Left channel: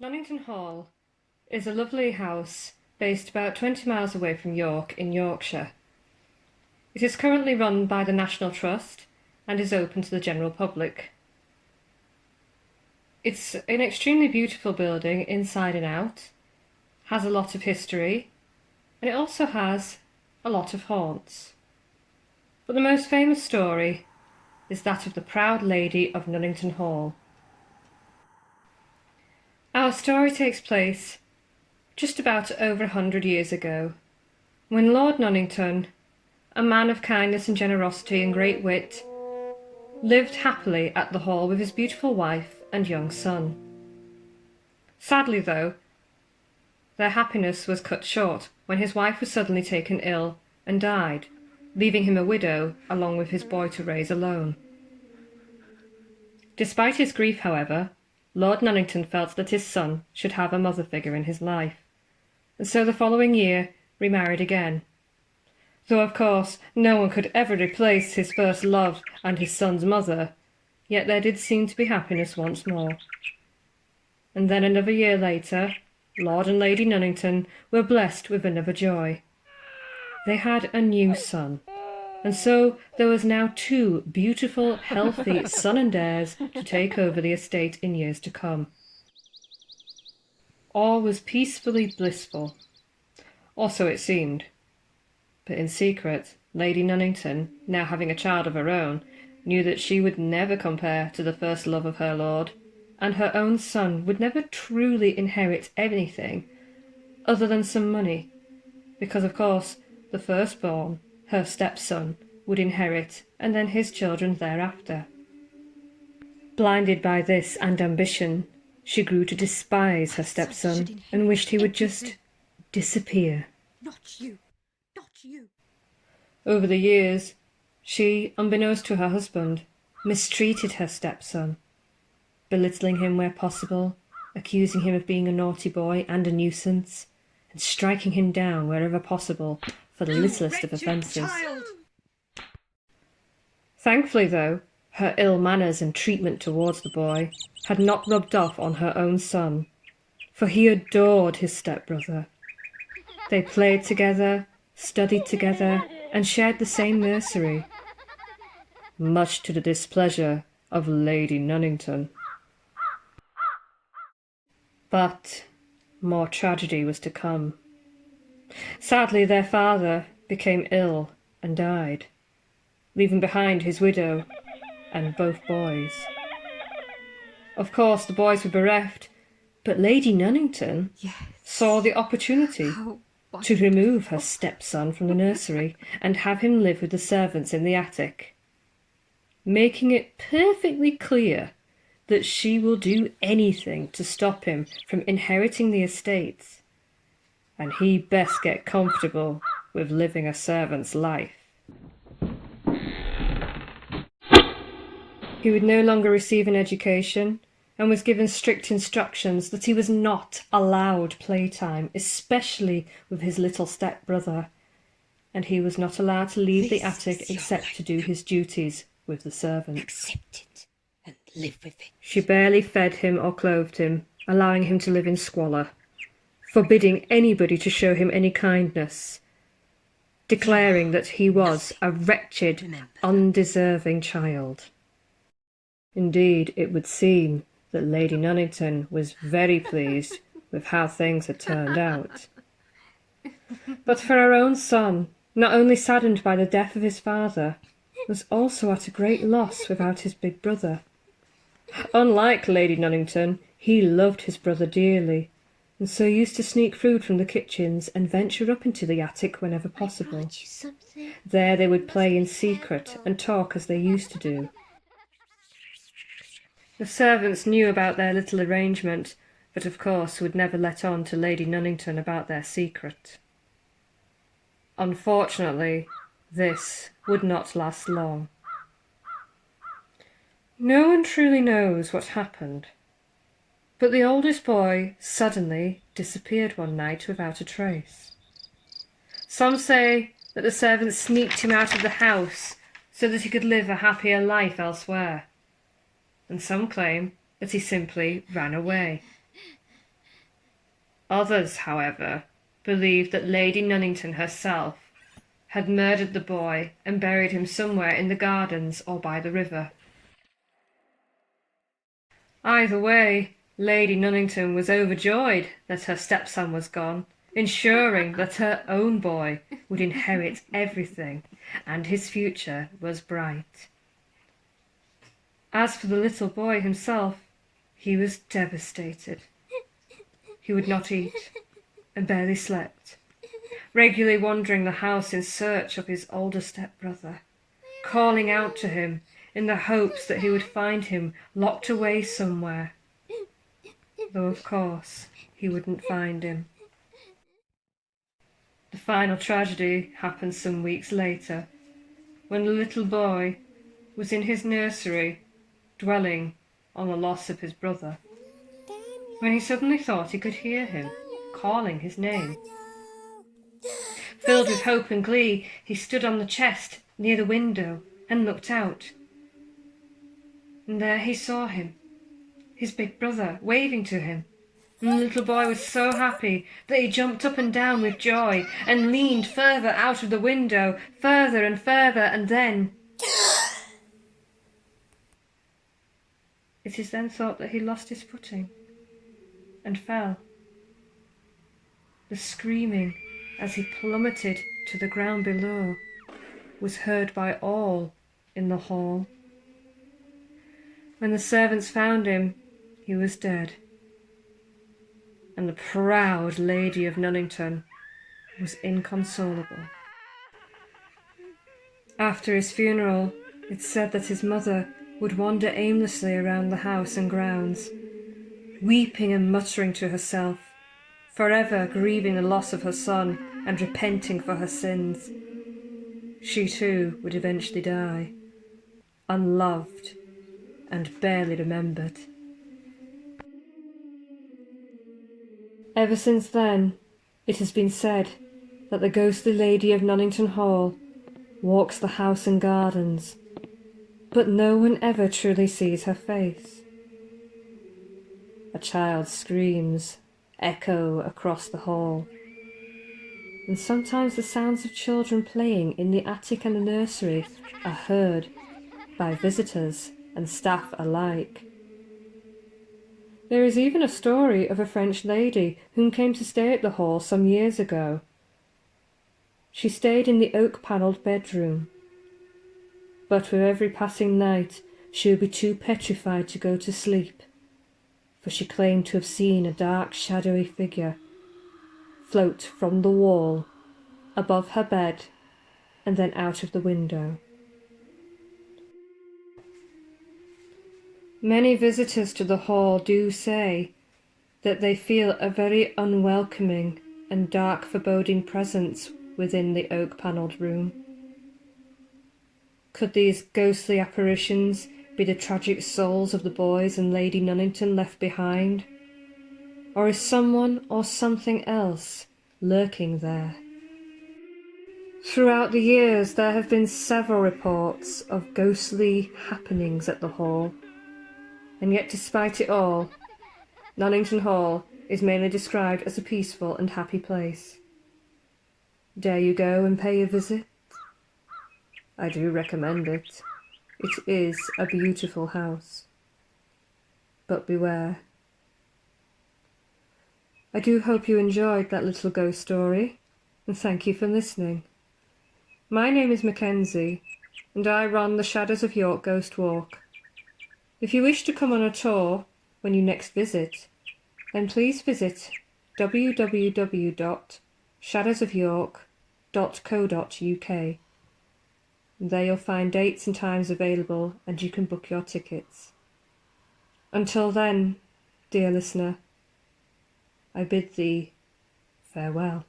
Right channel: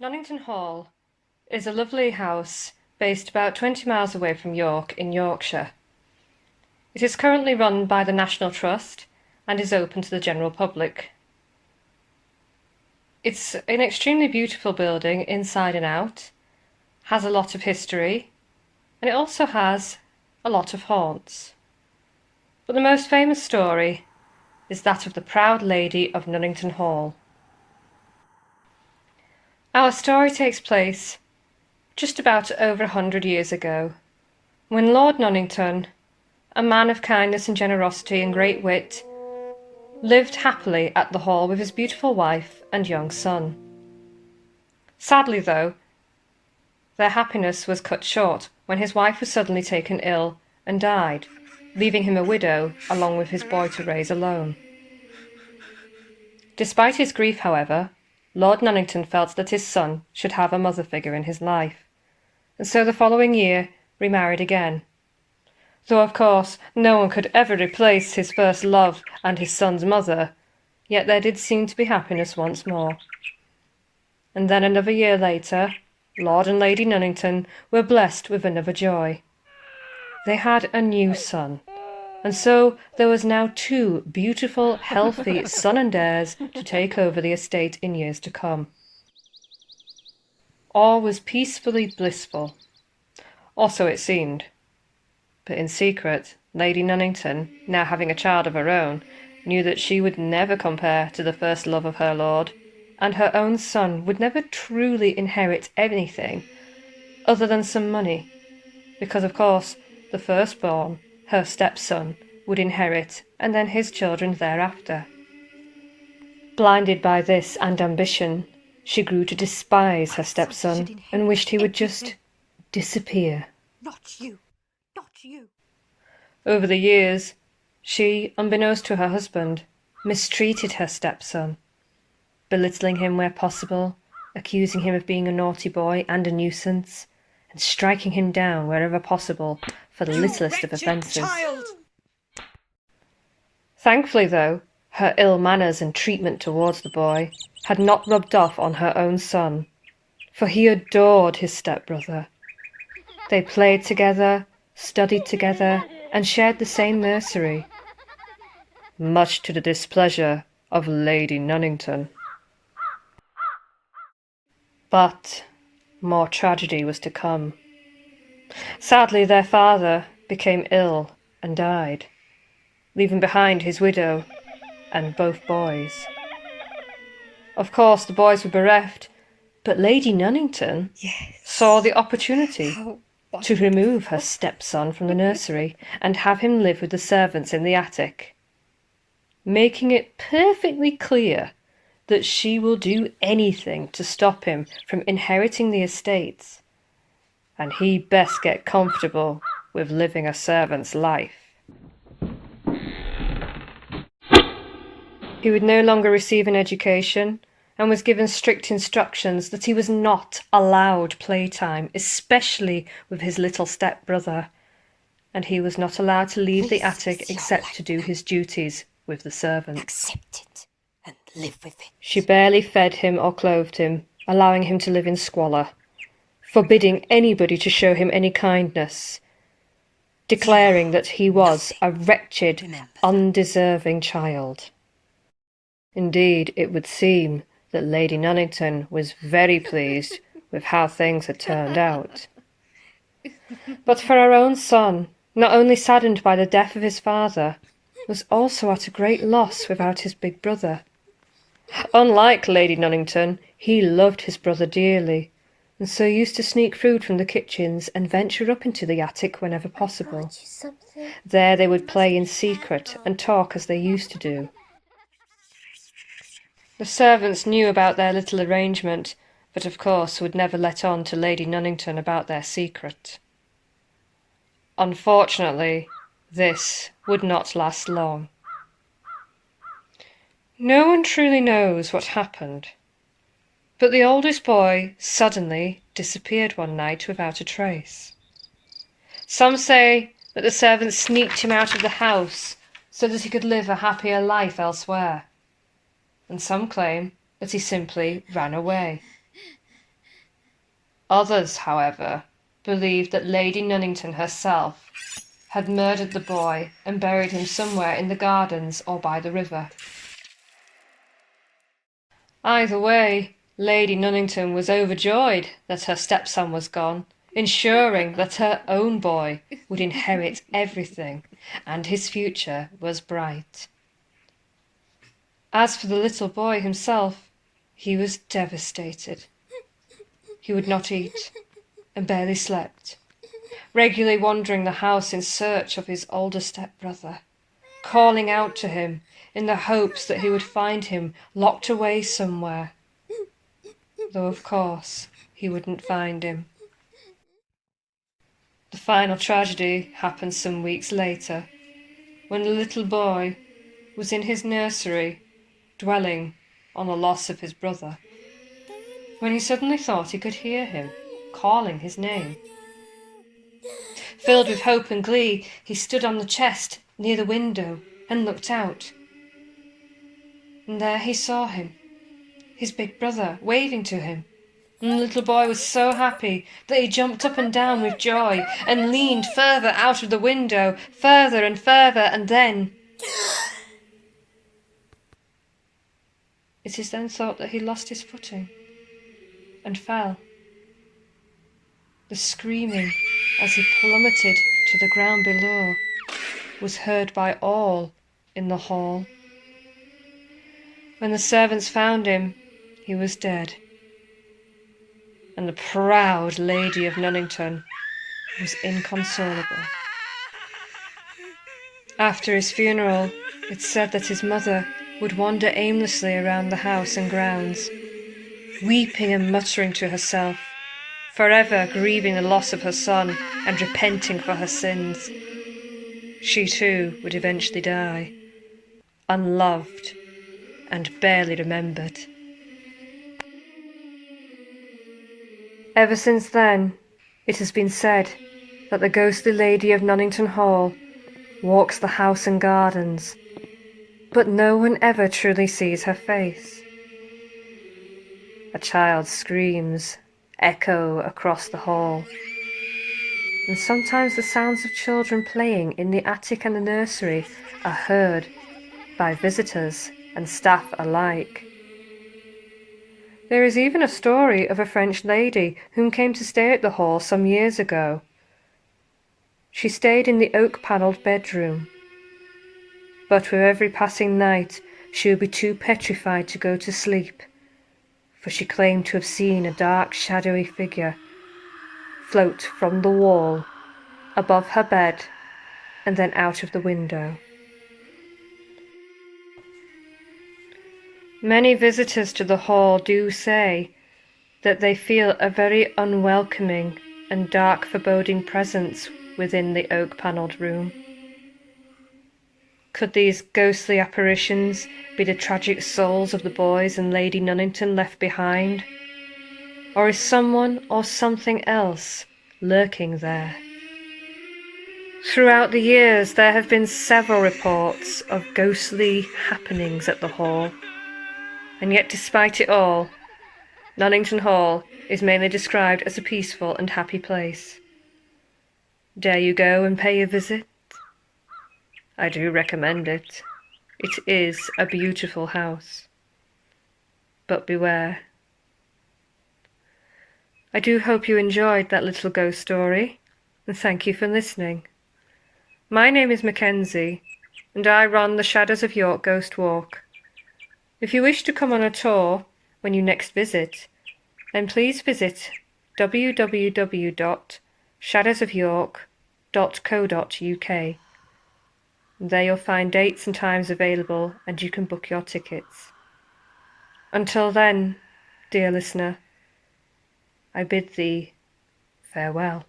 Nunnington Hall is a lovely house based about 20 miles away from York in Yorkshire. It is currently run by the National Trust and is open to the general public. It's an extremely beautiful building inside and out, has a lot of history, and it also has a lot of haunts. But the most famous story is that of the proud lady of Nunnington Hall. Our story takes place just about over 100 years ago, when Lord Nunnington, a man of kindness and generosity and great wit, lived happily at the Hall with his beautiful wife and young son. Sadly, though, their happiness was cut short when his wife was suddenly taken ill and died, leaving him a widow along with his boy to raise alone. Despite his grief, however, Lord Nunnington felt that his son should have a mother figure in his life, and so the following year remarried again. Though of course no one could ever replace his first love and his son's mother, yet there did seem to be happiness once more. And then another year later, Lord and Lady Nunnington were blessed with another joy. They had a new son, and so there was now two beautiful, healthy son and heirs to take over the estate in years to come. All was peacefully blissful, or so it seemed. But in secret, Lady Nunnington, now having a child of her own, knew that she would never compare to the first love of her lord, and her own son would never truly inherit anything other than some money, because of course the firstborn, her stepson, would inherit, and then his children thereafter. Blinded by this and ambition, she grew to despise her stepson and wished he would just disappear. Not you, not you. Over the years, she, unbeknownst to her husband, mistreated her stepson, belittling him where possible, accusing him of being a naughty boy and a nuisance, and striking him down wherever possible for the littlest of offences. Thankfully, though, her ill manners and treatment towards the boy had not rubbed off on her own son, for he adored his stepbrother. They played together, studied together, and shared the same nursery, much to the displeasure of Lady Nunnington. But more tragedy was to come. Sadly, their father became ill and died, leaving behind his widow and both boys. Of course, the boys were bereft, but Lady Nunnington saw the opportunity to remove her stepson from the nursery and have him live with the servants in the attic, making it perfectly clear that she will do anything to stop him from inheriting the estates, and he best get comfortable with living a servant's life. He would no longer receive an education and was given strict instructions that he was not allowed playtime, especially with his little stepbrother, and he was not allowed to leave the attic except to do his duties with the servants. Accept it and live with it. She barely fed him or clothed him, allowing him to live in squalor, forbidding anybody to show him any kindness, declaring that he was a wretched, undeserving child. Indeed, it would seem that Lady Nunnington was very pleased with how things had turned out. But for her own son, not only saddened by the death of his father, was also at a great loss without his big brother. Unlike Lady Nunnington, he loved his brother dearly, and so used to sneak food from the kitchens and venture up into the attic whenever possible. There they would play in secret and talk as they used to do. The servants knew about their little arrangement, but of course would never let on to Lady Nunnington about their secret. Unfortunately, this would not last long. No one truly knows what happened, but the oldest boy suddenly disappeared one night without a trace. Some say that the servants sneaked him out of the house so that he could live a happier life elsewhere, and some claim that he simply ran away. Others, however, believed that Lady Nunnington herself had murdered the boy and buried him somewhere in the gardens or by the river. Either way, Lady Nunnington was overjoyed that her stepson was gone, ensuring that her own boy would inherit everything, and his future was bright. As for the little boy himself, he was devastated. He would not eat and barely slept, regularly wandering the house in search of his older stepbrother, calling out to him in the hopes that he would find him locked away somewhere, though of course he wouldn't find him. The final tragedy happened some weeks later, when the little boy was in his nursery, dwelling on the loss of his brother, when he suddenly thought he could hear him calling his name. Filled with hope and glee, he stood on the chest near the window and looked out. And there he saw him, his big brother, waving to him. And the little boy was so happy that he jumped up and down with joy and leaned further out of the window, further and further, and then... It is then thought that he lost his footing and fell. The screaming as he plummeted to the ground below was heard by all in the hall. When the servants found him, he was dead, and the proud Lady of Nunnington was inconsolable. After his funeral, it's said that his mother would wander aimlessly around the house and grounds, weeping and muttering to herself, forever grieving the loss of her son and repenting for her sins. She too would eventually die, unloved and barely remembered. Ever since then, it has been said that the ghostly Lady of Nunnington Hall walks the house and gardens, but no one ever truly sees her face. A child's screams echo across the hall, and sometimes the sounds of children playing in the attic and the nursery are heard by visitors and staff alike. There is even a story of a French lady whom came to stay at the hall some years ago. She stayed in the oak-panelled bedroom, but with every passing night she would be too petrified to go to sleep, for she claimed to have seen a dark, shadowy figure float from the wall above her bed and then out of the window. Many visitors to the hall do say that they feel a very unwelcoming and dark, foreboding presence within the oak-panelled room. Could these ghostly apparitions be the tragic souls of the boys and Lady Nunnington left behind? Or is someone or something else lurking there? Throughout the years, there have been several reports of ghostly happenings at the hall, and yet despite it all, Nunnington Hall is mainly described as a peaceful and happy place. Dare you go and pay a visit? I do recommend it. It is a beautiful house. But beware. I do hope you enjoyed that little ghost story, and thank you for listening. My name is Mackenzie, and I run the Shadows of York Ghost Walk. If you wish to come on a tour when you next visit, then please visit www.shadowsofyork.co.uk. There you'll find dates and times available, and you can book your tickets. Until then, dear listener, I bid thee farewell.